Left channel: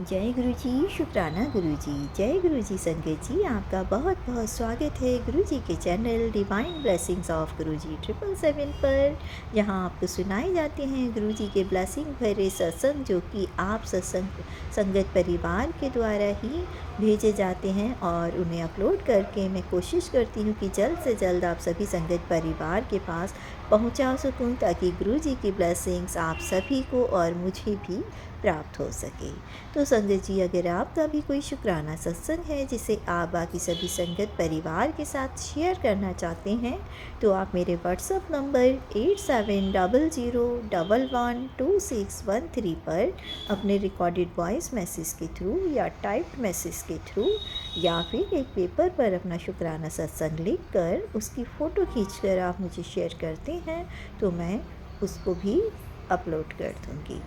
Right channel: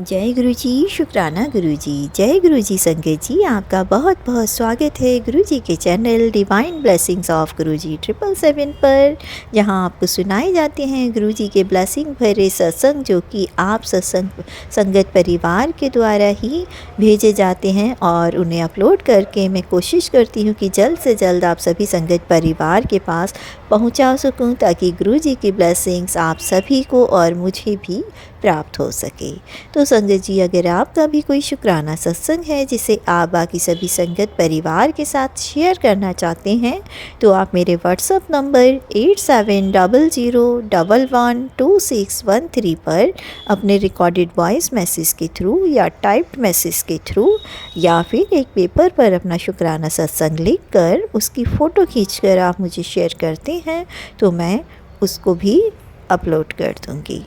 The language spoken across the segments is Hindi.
जय गुरु जी, शुक्राना गुरु जी। जय गुरु जी संगत जी, आपका बहुत बहुत स्वागत है गुरु जी के चैनल डिवाइन ब्लेसिंग्स ऑफ गुरु जी 777 पर, जहां आपको सुनाए जाते हैं गुरु जी के ब्लेसिंग भरे सत्संग, जो कि आप सत्संग संगत परिवार के द्वारा ही भेजे जाते हैं और उन्हें अपलोड करके मैं कोशिश करती हूं कि जल्द से जल्द आप सभी संगत परिवार के पास पहुंचा सकूं, ताकि गुरु जी की ब्लेसिंग्स आप सभी को और मुझे भी प्राप्त हो सके। तो संगत जी, अगर आपका भी कोई शुक्राना सत्संग है जिसे आप बाकी सभी संगत परिवार के साथ शेयर करना चाहते हैं, तो आप मेरे व्हाट्सएप नंबर 8700112613 पर अपने रिकॉर्डेड वॉइस मैसेज के थ्रू या टाइप्ड मैसेज के थ्रू या फिर एक पेपर पर अपना शुक्राना सत्संग लिख कर उसकी फ़ोटो खींचकर आप मुझे शेयर करते हैं, तो मैं उसको भी अपलोड कर दूँगी।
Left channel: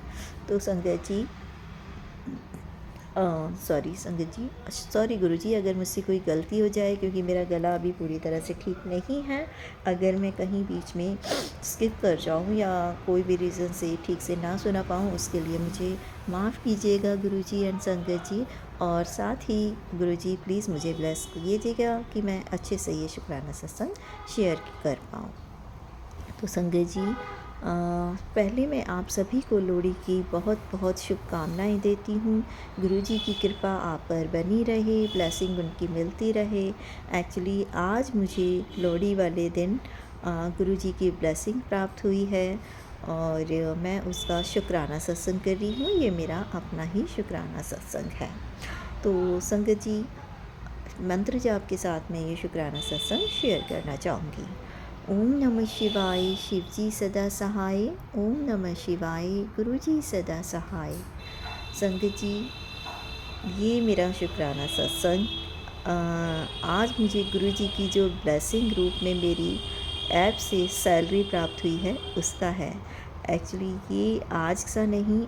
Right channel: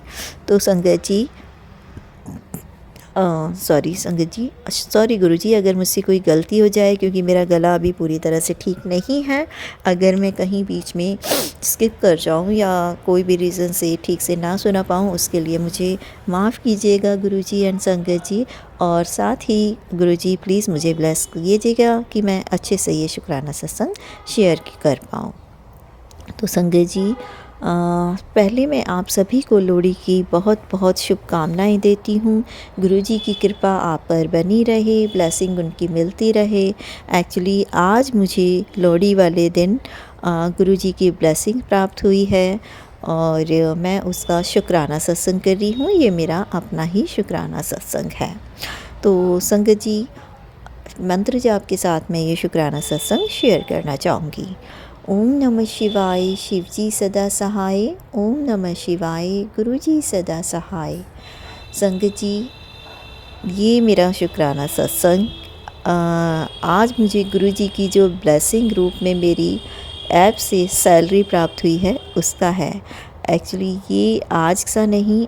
तो संगत जी, सॉरी गुरु जी, अगर मुझसे कोई गलती हो जाए, क्योंकि मेरा गला अभी पूरी तरह से ठीक नहीं है। अगर मैं कहीं बीच में स्किप कर जाऊं या कोई भी रीज़न से ठीक से ना सुना पाऊं, उसके लिए मुझे माफ़ कीजिएगा गुरु जी एंड संगत जी। और साथ ही गुरु जी प्लीज़ मुझे ब्लेस कीजिएगा कि मैं अच्छे से ये शुक्राना सत्संग शेयर कर पाऊँ। तो संगत जी, पहले मैं आप सभी को लोहड़ी की बहुत बहुत शुभकामनाएं देती हूँ। गुरुजी की कृपा आप पर बनी रहे, ब्लेसिंग उनकी मिलती रहे। एक्चुअली आज मुझे लोहड़ी वाले दिन गुरुजी की ब्लेसिंग प्राप्त हुई है और मैं उसका शुक्राना सत्संग कर रही हूँ। ये मेरा अपना ही शुक्राना सत्संग है। तो संगत जी, मंत्र जाप के साथ मैं ये शुक्राना सत्संग शेयर करना चाहूँगी। ओम नमः शिवाय, शिवजी सदा सहाय। ओम नमः शिवाय, गुरुजी सदा सहाय। संगत जी, ये मेरा शुक्राना सत्संग आज मुझे गुरुजी की जो ब्लेसिंग रूप में मेरी ऐप से सैलरी प्राप्त हुई है उसका है। एक्चुअली ये आज सा नहीं,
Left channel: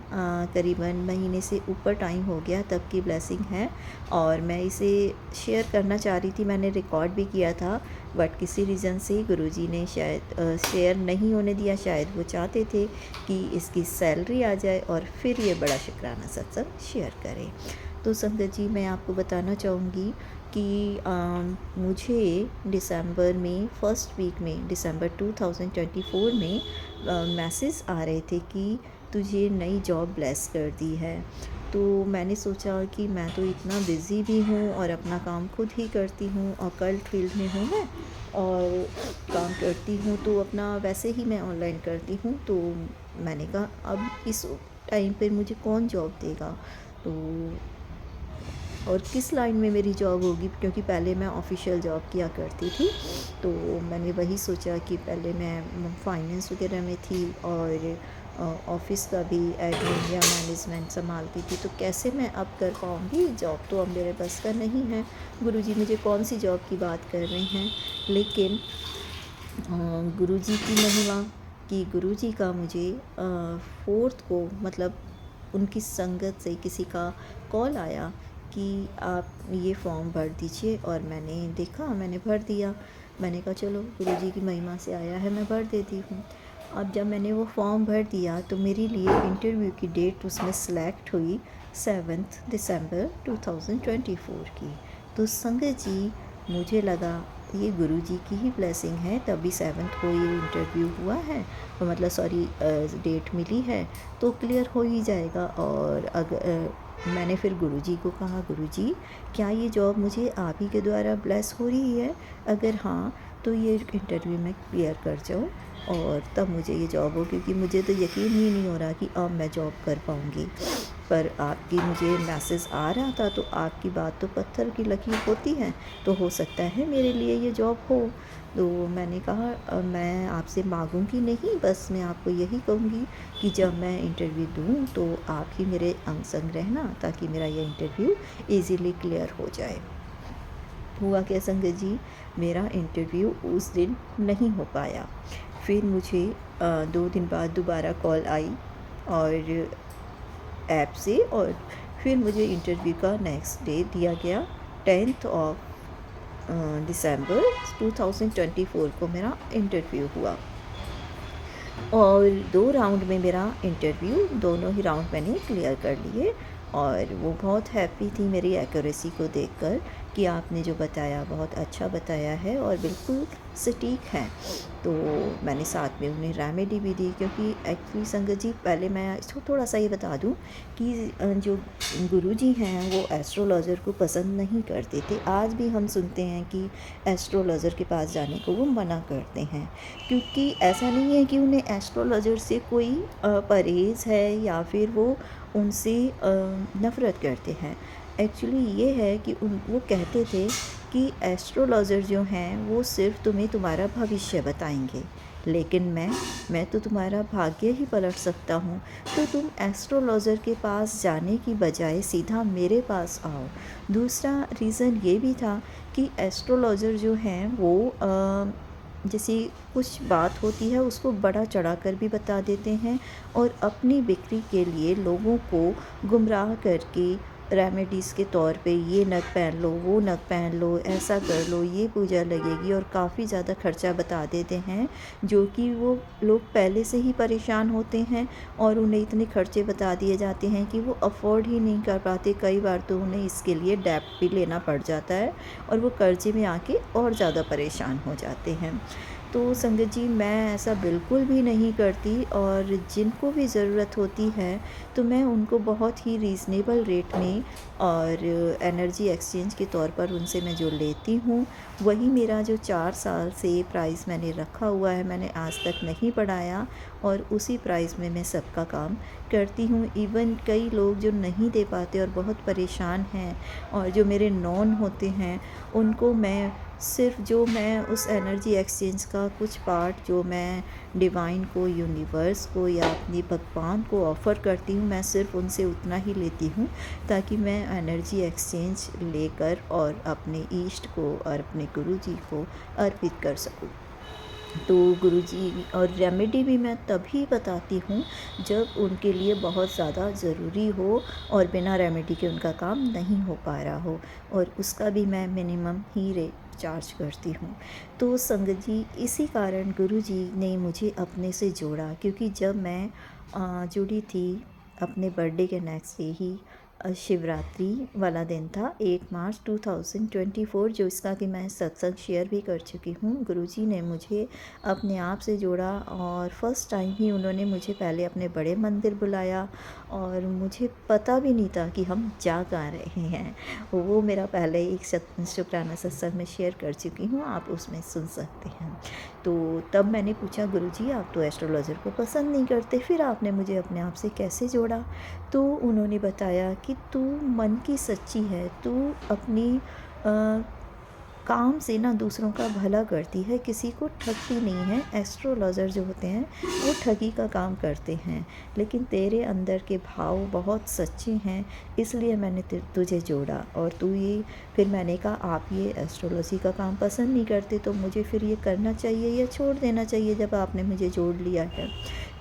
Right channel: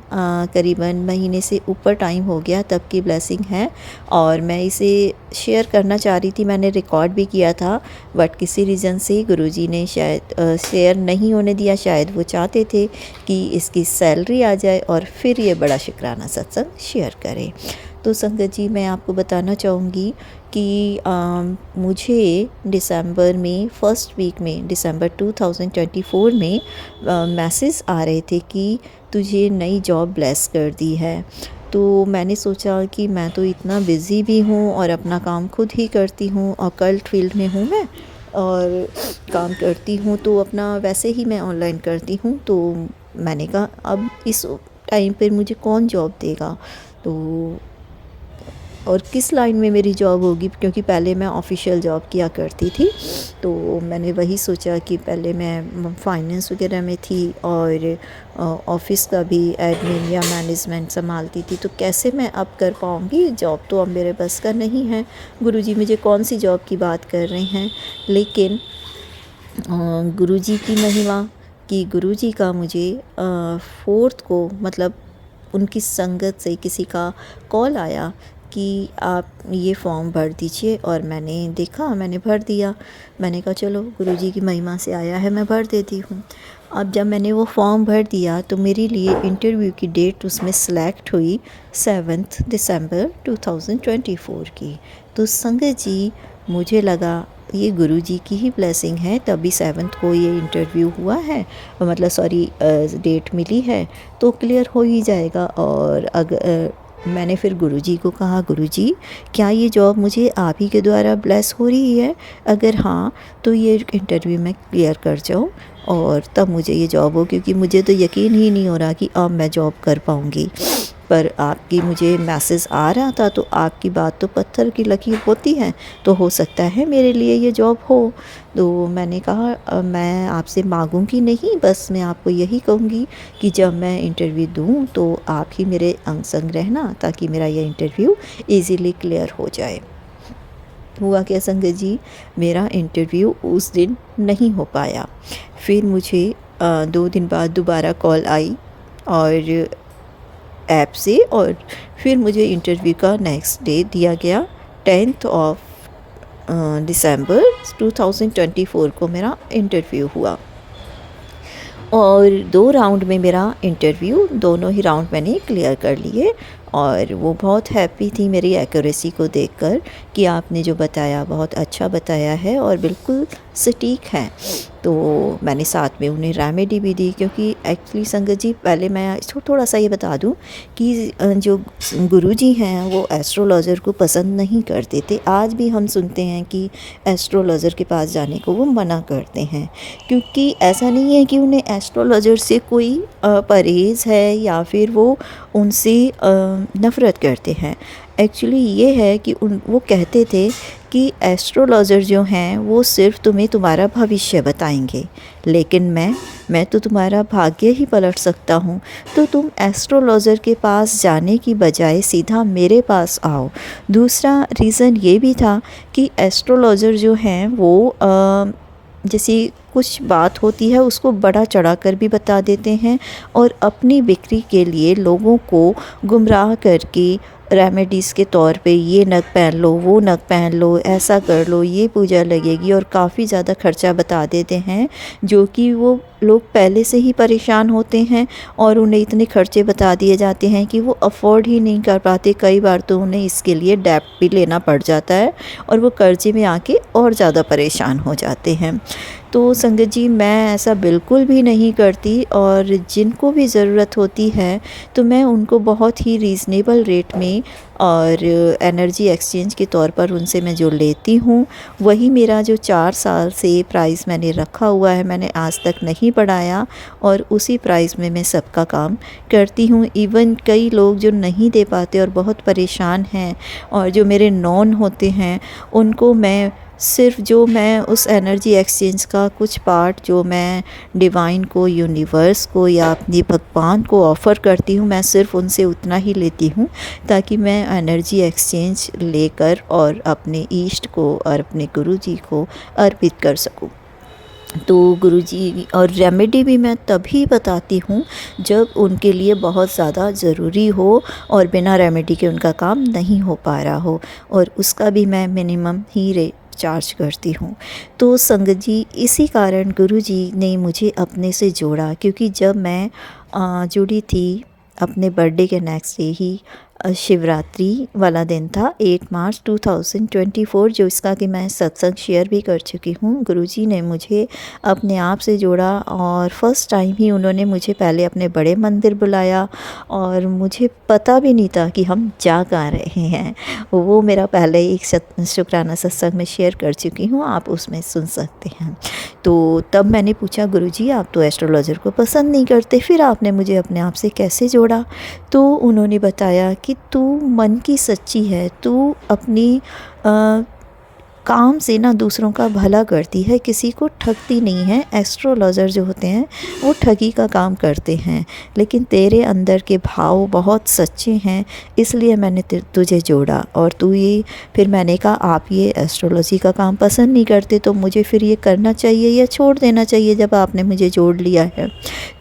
करीबन महीने से ऊपर टाइम हो गया तब की ब्लेसिंग है और मैं इसे शेयर करना चाह रही थी। मैंने रिकॉर्ड भी किया था, बट किसी रीज़न से गुरुजी ने शायद शेयर नहीं होने दिया। शायद वो चाहते थे कि इसकी सैलरी आ जाए और फिर ये बड़ा शुक्राना सत्संग शेयर करें। तो संगत जी, मैं आपको बताना चाहूँगी कि मुझे दिसंबर में फर्स्ट वीक में दिसंबर 2024 में मैसेज आ रहे थे कि तुझे नई जॉब ब्लेस कर दी है। तो मैंने सोचा कि मैं तो इतना बिज़ी भी हूँ और अपना काम खुद ही करती हूँ और कल्ट फील्ड में हूँ मैं और काम करती हूँ, तो अपना वैसे ही मैं ऑनलाइन करती हूँ। तो मैंने कहा अब इस टाइम पर मुझे कौन जॉब देगा, तो और किस लाइन में मेरी जॉब होगी, क्योंकि पहले मैं ऑफिशियल जॉब किया करती थी। तो मैंने वही सोचा कि पहले मैं फाइनेंस वगैरह में थी और ऑफिस का भी एडमिन या मैनेजमेंट संभालती थी, तो कैसे मैं अब कर पाऊँगी जॉब, तो अब मेरे बस का नहीं है। गुरुजी मुझे कौन सी जॉब की बात कर रहे हैं, लेकिन गुरुजी की महिमा कि गुरुजी का मुझे 4th को, मतलब उनकी संगत से किसी का कॉल आया कि आप ये फॉर्म भर दीजिए, और मैंने देखा, मैंने भर दिया। मैंने कहा चलो गुरुजी की महिमा से आया है, मैं भर देती हूँ। अब जब मैंने वो फॉर्म भर दिया तो मेरे लिए इंटरव्यू की डेट उसमें सेलेक्ट हुई 7 दिसंबर 2024 की। तो संगत जी, मुझे लगा ये गुरुजी की ही ब्लेसिंग है, तभी 7 को ये इंटरव्यू हुआ है, मतलब सॉरी डेट मिली है, तो क्लियर हो ही जाएगा। और अगर मैंने फिर गुरुजी को कहा, गुरुजी क्या ये जॉब मुझे आप ही के द्वारा ब्लेस हो रही है? अगर हाँ, तो ये इंटरव्यू मैं क्लियर कर जाऊँ और तब मुझे ये जॉब हो, क्योंकि मुझे तो यकीन ही नहीं हो रहा कि अब मैं जॉब कर पाऊँगी। पर आपकी मुझे मैसेज आ रहा था, तो आपकी बात तो पत्थर की लकीर होती है, तो हो सकता है मेरे लिए ये जॉब हो। तो मैंने कहा मैं आपसे मांगूंगी नहीं, बस मैं आपको यही कहूँगी कि जब मैं इंटरव्यू दूँ तो आप ही मेरे अंग संग रहना, ताकि मेरा ये इंटरव्यू इजीली क्लियर हो जाए। हुआ क्या संगत जी, मेरा इंटरव्यू उस दिन नहीं हो पाया। फिर मुझे 2 दिन बाद दोबारा कॉल आई और ऐप से, और फिर मुझे इंटरव्यू का नेक्स्ट डे दिया गया 10th ऑफ दिसंबर 2024 को मेरा इंटरव्यू हुआ और 2 राउंड में मेरा इंटरव्यू, दोनों ही राउंड मैंने क्लियर कर लिए और वो बहुत हैप्पी थी मेरी एक्यूरेसी को देखकर कि आपने जो बताया बहुत अच्छा बताया है और बिल्कुल सटीक है। तो मैंने साथ में उन्हें रेमेडी भी दी, क्योंकि एक्चुअली संगत जी पहले मैं इसको थोड़ा सा ये बता दूं कि जो गुरुजी हैं वो एस्ट्रोलॉज़र को पसंद नहीं करते थे। आज भी हम सुनते हैं कि एस्ट्रोलॉज़र के पास जाने को वो मना करते हैं, क्योंकि ऐसा नहीं है कि उन्हें एस्ट्रोलॉज़र से कोई परहेज़ है या फिर वो उनसे नफ़रत करते हैं। एक्चुअली ये है कि वो कहते थे कि एस्ट्रोलॉज़र जो हैं वो सिर्फ तुम्हें तुम्हारा भविष्य बताएंगे, लेकिन मैं तो तुम्हारा भाग्य ही पलट सकता हूँ। तो तुम एस्ट्रोलॉज़र के पास जाने की बजाय सीधा मेरे पास आओ। दूसरा रीज़न ये भी था कि एस्ट्रोलॉज़र जो हैं वो जैसे कुछ बात होती है उसको बड़ा चढ़ाकर भी बता देते हैं और अपनी बिक्री के लिए लोगों को गुमराह करके रेमेडीज़ के तौर पे ये नग पहन लो, वो नग पहन लो, ऐसा कर लो, ये पूजा लगेगी, और काफ़ी ज़्यादा खर्चा बता देते हैं, जो कि वो लोग पहले से ही परेशान होते हैं और उन्हें इतने खर्चे बता दिए जाते हैं कि वो अफोर्ड ही नहीं कर पाते। कई बार तो उन्हें इसके लिए डेब्ट भी लेना पड़ जाता है और वो कर्जे में आके और ज़्यादा परेशान हो जाते हैं। तो संगत जी मैं ऐसा बिल्कुल भी नहीं करती, और जिनको भी ज़रूरत होती है तो मैं उनको बहुत ही रीज़नेबल रेट में और एनर्जी एक्सचेंज के तौर पर उनसे मैं जो लेती हूँ वही मेरा जो 4 साल से प्राइस मैंने रखा हुआ है, मैंने आज तक नहीं बढ़ाया, और उसी प्राइस में मैं सबका काम करती हूँ। इवन कई लोग जो नहीं दे पाते और बहुत परेशान हैं और जो मेरे नॉन होते हैं उनको मैं सिर्फ जो मैं उस एनर्जी एक्सचेंज का कुछ पार्ट जो मैं डिवाइन को, यूनिवर्स को या अपने भगवान को ऑफ़र करती हूँ, मैं सिर्फ उनसे उतना ही लेती हूँ ताकि मैं एनर्जी एक्सचेंज लेकर और अपने ईष्ट को और अपने गुरुजी को अर्पित कर सकूँ। तो गुरुजी और रेमेडी भी मैं तभी बताती हूँ जब उनके लिए बहुत ज़्यादा ज़रूरी हो और बिना रेमेडी के उनका काम नहीं हो पा रहा हो, और उसका भी मैं मिनिमम ही रेट चार्ज करती हूँ। तो संगत जी इसी कारण गुरुजी ने मुझे अपने से जोड़ा, क्योंकि जब मैं जुड़ी थी अपने बर्थडे के नेक्स्ट डे ही शिवरात्रि वाला दिन था 8 मार्च 2024, जो इसका कि मैं सत्संग शेयर भी कर चुकी हूँ। गुरुजी ने मुझे अपने आप से जोड़ा और फर्स्ट टाइम ही उन्होंने मुझे पहले अपने बड़े मंदिर बुलाया, और मुझे पता भी नहीं था कि हम जा कहाँ रहे हैं। वो मेरा पहले एक शुक्राना सत्संग में शेयर कर चुकी हूँ, आप उसमें सुन सकते हैं। तो तब मैंने पूछा गुरुजी आप तो एस्ट्रोलॉज़र को पसंद नहीं करते, फिर आपने मुझे अपने आप से कैसे जोड़ा? तो उन्होंने बताया कि तू मन की सच्ची है, तू अपनी काम से ना दूसरों का भला करती है, किसी को ठगती नहीं है। एस्ट्रोलॉज़र जो होते हैं वो ठगी का काम करते हैं, लेकिन तेरे अंदर के भाव बहुत सच्चे हैं, इसलिए मैंने तुझे जोड़ा। और तू ये फिर मैंने कहा आप ये एस्ट्रोलॉजी का काम पसंद नहीं करते तो मुझे फिर ये करना चाहिए या छोड़ देना चाहिए जब आपने मुझे जोड़ लिया है।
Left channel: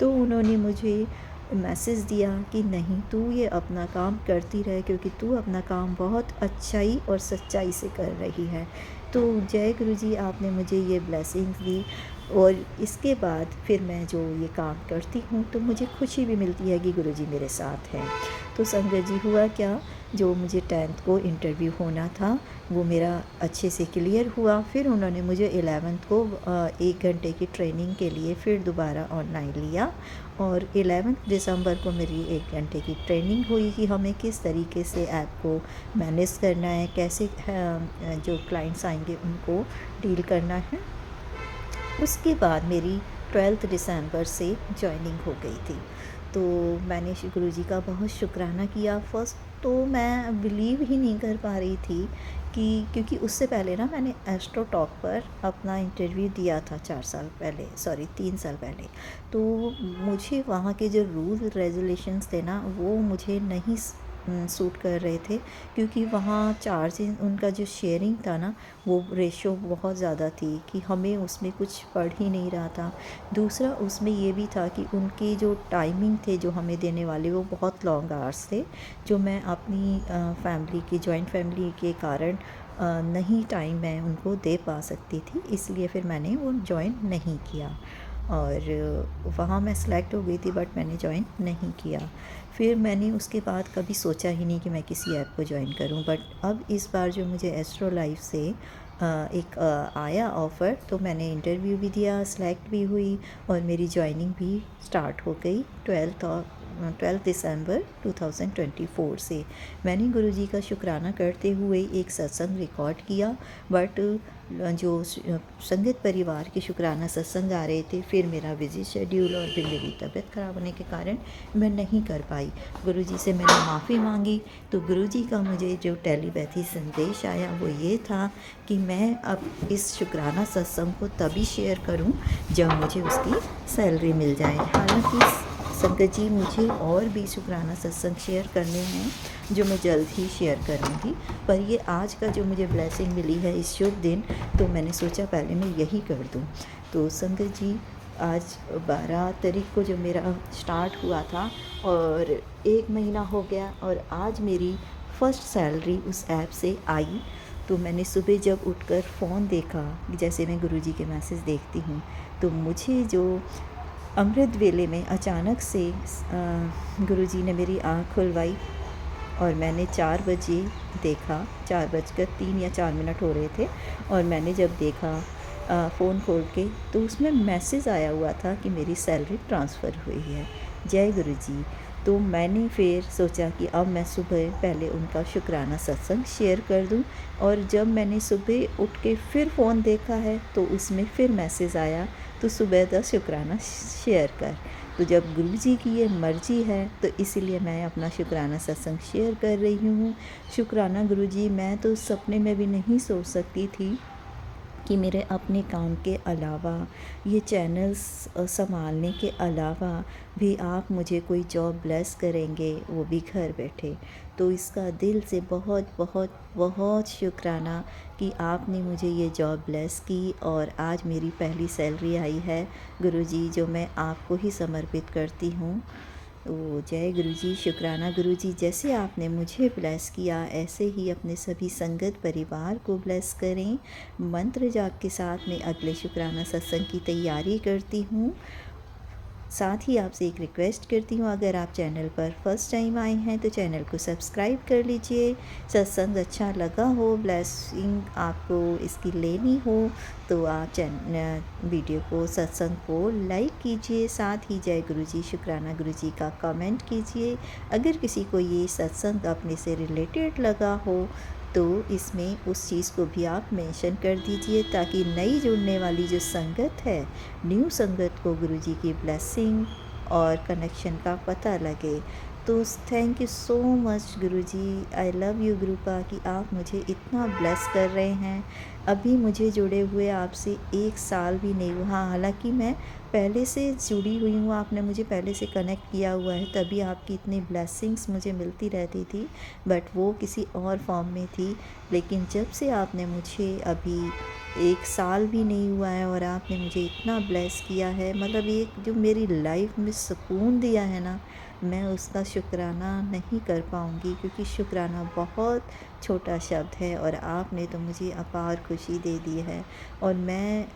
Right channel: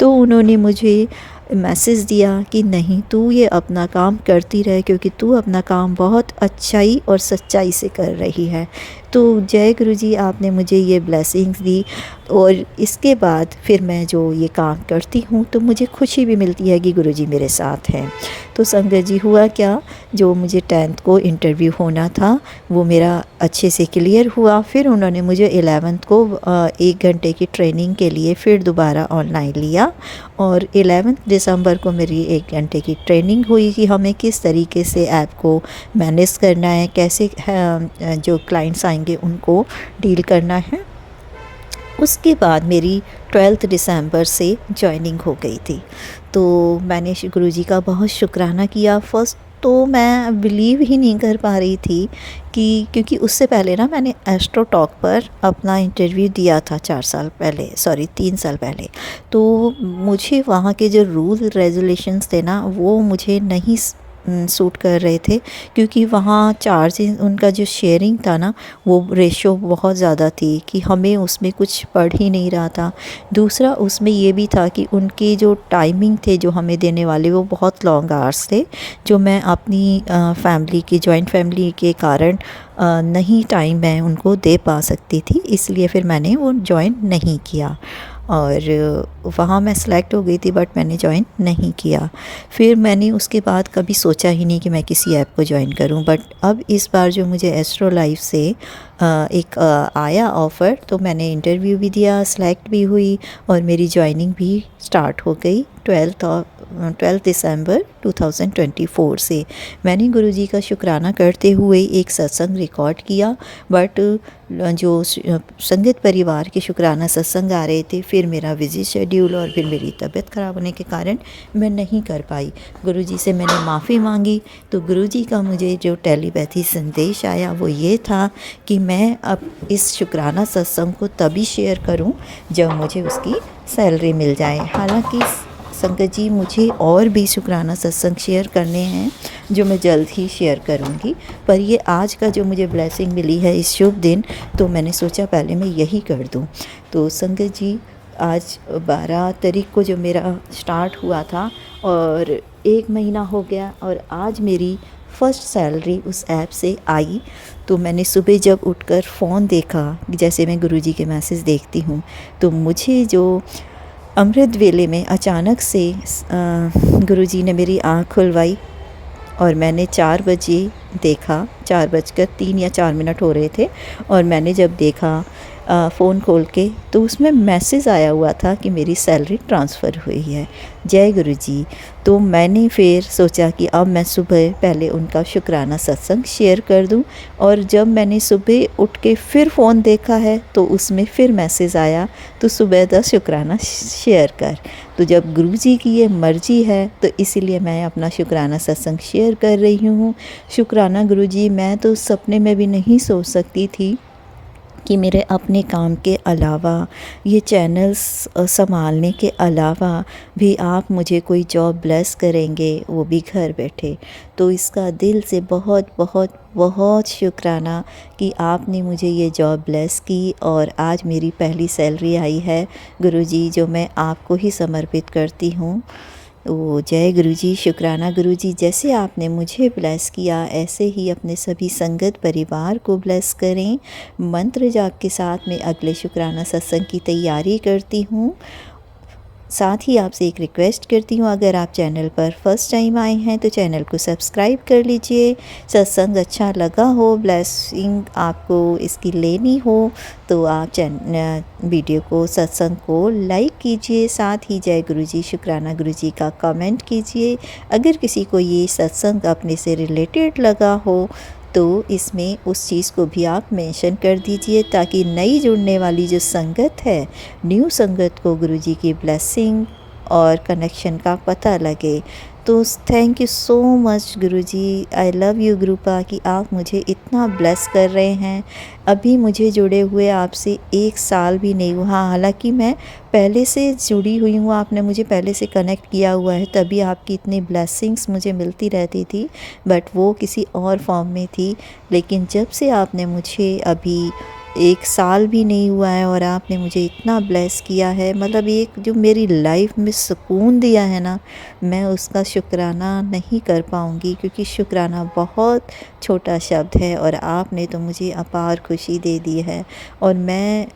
तो उन्होंने मुझे मैसेज दिया कि नहीं तू ये अपना काम करती रहे, क्योंकि तू अपना काम बहुत अच्छाई और सच्चाई से कर रही है। तो जय गुरुजी आपने मुझे ये ब्लेसिंग्स दी, और इसके बाद फिर मैं जो ये काम करती हूँ तो मुझे खुशी भी मिलती है कि गुरुजी मेरे साथ हैं। तो संगत जी हुआ क्या, जो मुझे 10th को इंटरव्यू होना था वो मेरा अच्छे से क्लियर हुआ। फिर उन्होंने मुझे 11th को 1 घंटे की ट्रेनिंग के लिए फिर दोबारा ऑनलाइन लिया, और 11 दिसंबर को मेरी 1 घंटे की ट्रेनिंग हुई कि हमें किस तरीके से ऐप को मैनेज करना है, कैसे जो क्लाइंट्स आएंगे उनको डील करना है। उसके बाद मेरी 12 दिसंबर से जॉइनिंग हो गई थी। तो मैंने गुरुजी का बहुत शुक्राना किया। फ़र्स्ट तो मैं बिलीव ही नहीं कर पा रही थी कि क्योंकि उससे पहले ना मैंने एस्ट्रो टॉक पर अपना इंटरव्यू दिया था 3 साल पहले। तो मुझे वहाँ के जो रूल रेगुलेशंस थे ना वो मुझे नहीं सूट कर रहे थे, क्योंकि वहाँ चार्जेस उनका जो शेयरिंग था ना वो रेशो बहुत ज़्यादा थी कि हमें उसमें कुछ पड़ ही नहीं रहा था। दूसरा उसमें ये भी था कि उनके जो टाइमिंग थे जो हमें देने वाले वो बहुत लॉन्ग आवर्स थे, जो मैं अपनी फैमिली की जॉइंट फैमिली के कारण नहीं टाइम मैं उनको दे पा सकती थी, इसलिए फिर मैंने वो जॉइन नहीं किया। और वहाँ मैं सेलेक्ट हो गई थी, बट मैंने ज्वाइन नहीं किया। फिर मैंने उसके बाद कभी सोचा ही नहीं कि मैं किसी ऐप को ज्वाइन करूं। बट अब इस बार जो मुझे एस्ट्रो लाइफ से एक आया ऑफ़र, तो मैंने इंटरव्यू भी दिया, सेलेक्ट भी हुई और मेरी ज्वाइनिंग भी स्टार्ट हो गई 12 दिसंबर 2024 से। मैंने गुरुजी का शुक्राना करते हुए एक सत्संग रिकॉर्ड किया, बट जो संगत परिवार के शुक्राना सत्संग आ रहे थे, फिर मेरा बिज़ी शेड्यूल और फिर मेरी तबीयत ख़राब होने के कारण मैं नहीं कर पाई। गुरुजी से मैंने माफ़ी मांगी, तो गुरुजी का मुझे जो टेलीपैथी संदेश आया वो ये था कि मैं अब इस शुक्राना सत्संग को तभी शेयर करूं जब मुझे उसकी सैलरी मिल जाए। हालांकि संगत जी, मुझे और भी शुक्राना सत्संग शेयर करने हैं जो मैं जल्द ही शेयर करूंगी, पर ये आज का जो मुझे ब्लेसिंग मिली है इस शुभ दिन, तो मैंने सोचा पहले मैं यही कर दूं। तो संगत जी, आज 12 तारीख को जो मेरा स्टार्ट हुआ था और 1 महीना हो गया और आज मेरी फ़र्स्ट सैलरी उस ऐप से आई। तो मैंने सुबह जब उठकर फ़ोन देखा, जैसे मैं गुरुजी के मैसेज देखती हूँ, तो मुझे जो अमृत वेले में अचानक से गुरुजी ने मेरी आँख खुलवाई और मैंने 4 बजे देखा, 4:03 या 4 मिनट हो रहे थे, और मैंने जब देखा फ़ोन खोल के, तो उसमें मैसेज आया हुआ था कि मेरी सैलरी ट्रांसफ़र हुई है। जय गुरुजी। तो मैंने फिर सोचा कि अब मैं सुबह पहले उनका शुक्राना सत्संग शेयर कर दूं, और जब मैंने सुबह उठ के फिर फ़ोन देखा है तो उसमें फिर मैसेज आया, तो सुबह दा शुक्राना शेयर कर। तो जब गुरुजी की ये मर्ज़ी है तो इसीलिए मैं अपना शुक्राना सत्संग शेयर कर रही हूँ। शुक्राना गुरुजी, मैं तो सपने में भी नहीं सोच सकती थी कि मेरे अपने काम के अलावा, ये चैनल्स संभालने के अलावा भी आप मुझे कोई जॉब ब्लेस करेंगे, वो भी घर बैठे। तो इसका दिल से बहुत बहुत बहुत शुक्राना कि आपने मुझे ये जॉब ब्लेस की और आज मेरी पहली सैलरी आई है गुरुजी, जो मैं आपको ही समर्पित करती हूँ। तो जय गुरुजी, शुक्राना गुरुजी। जैसे आपने मुझे ब्लेस किया, ऐसे ही अपने सभी संगत परिवार को ब्लेस करें। मंत्र जाप के साथ मैं अगले शुक्राना सत्संग की तैयारी करती हूँ। साथ ही आपसे एक रिक्वेस्ट करती हूँ, अगर आप चैनल पर फर्स्ट टाइम आए हैं तो चैनल को सब्सक्राइब कर लीजिए। सत्संग अच्छा लगा हो, ब्लेसिंग आपको इसकी लेनी हो, तो आप वीडियो को, सत्संग को लाइक कीजिए। साथ ही जय गुरुजी, शुक्राना गुरुजी का कमेंट कीजिए। अगर किसी को ये सत्संग अपने से रिलेटेड लगा हो तो इसमें उस चीज़ को भी आप मेंशन कर दीजिए, ताकि नई जुड़ने वाली जो संगत है, न्यू संगत को गुरुजी की ब्लेसिंग और कनेक्शन का पता लगे। तो thank you so much Guruji, I love you Gurupa, कि आप मुझे इतना ब्लेस कर रहे हैं। अभी मुझे जुड़े हुए आपसे 1 साल भी नहीं हुआ, हालांकि मैं पहले से जुड़ी हुई हूँ, आपने मुझे पहले से कनेक्ट किया हुआ है, तभी आपकी इतनी ब्लेसिंग्स मुझे मिलती रहती थी, बट वो किसी और फॉर्म में थी। लेकिन जब से आपने मुझे, अभी 1 साल भी नहीं हुआ है और आपने मुझे इतना ब्लेस किया है, मतलब एक जो मेरी लाइफ में सुकून दिया है ना, मैं उसका शुक्राना नहीं कर पाऊँगी, क्योंकि शुक्राना बहुत छोटा शब्द है और आपने तो मुझे अपार खुशी दे दी है। और मैं,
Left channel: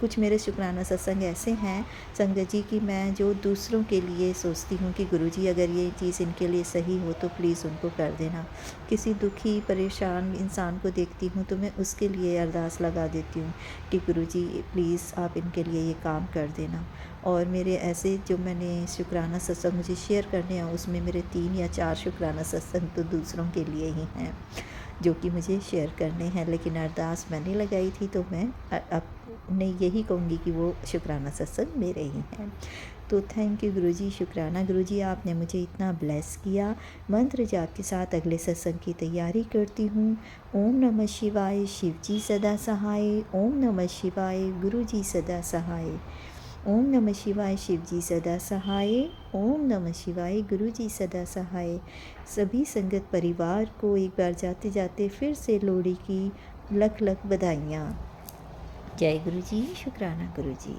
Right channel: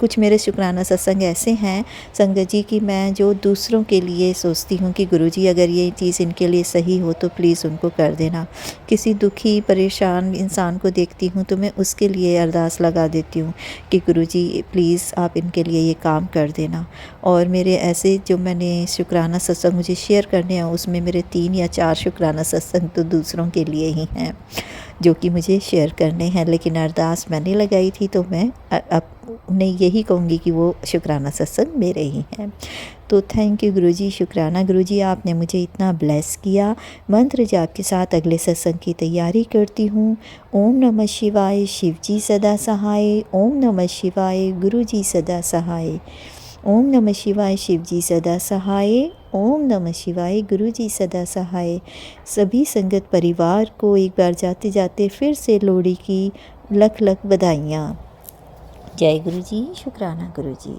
कुछ मेरे शुक्राना सत्संग ऐसे हैं संगत जी कि मैं जो दूसरों के लिए सोचती हूँ कि गुरुजी अगर ये चीज़ इनके लिए सही हो तो प्लीज़ उनको कर देना। किसी दुखी परेशान इंसान को देखती हूँ तो मैं उसके लिए अरदास लगा देती हूँ कि गुरुजी प्लीज़ आप इनके लिए ये काम कर देना। और मेरे ऐसे जो मैंने शुक्राना सत्संग मुझे शेयर करने हैं, उसमें मेरे 3 या 4 शुक्राना सत्संग तो दूसरों के लिए ही हैं जो कि मुझे शेयर करने हैं, लेकिन अरदास मैंने लगाई थी, तो मैं अब नहीं, यही कहूँगी कि वो शुक्राना सत्संग मेरे ही हैं। तो थैंक यू गुरुजी, शुक्राना गुरुजी, आपने मुझे इतना ब्लेस किया। मंत्र जाप के साथ अगले सत्संग की तैयारी करती हूँ। ओम नमः शिवाय, शिव जी सदा सहाय। ओम नमः शिवाय, गुरुजी सदा सहाय। ओम नमः शिवाय, शिव जी सदा सहाय। ओम नमः शिवाय, गुरुजी सदा सहाय। सभी संगत परिवार को एक बार जाते जाते फिर से लोहड़ी की लख लख बधाइयाँ। जय गुरुजी, शुक्राना गुरुजी।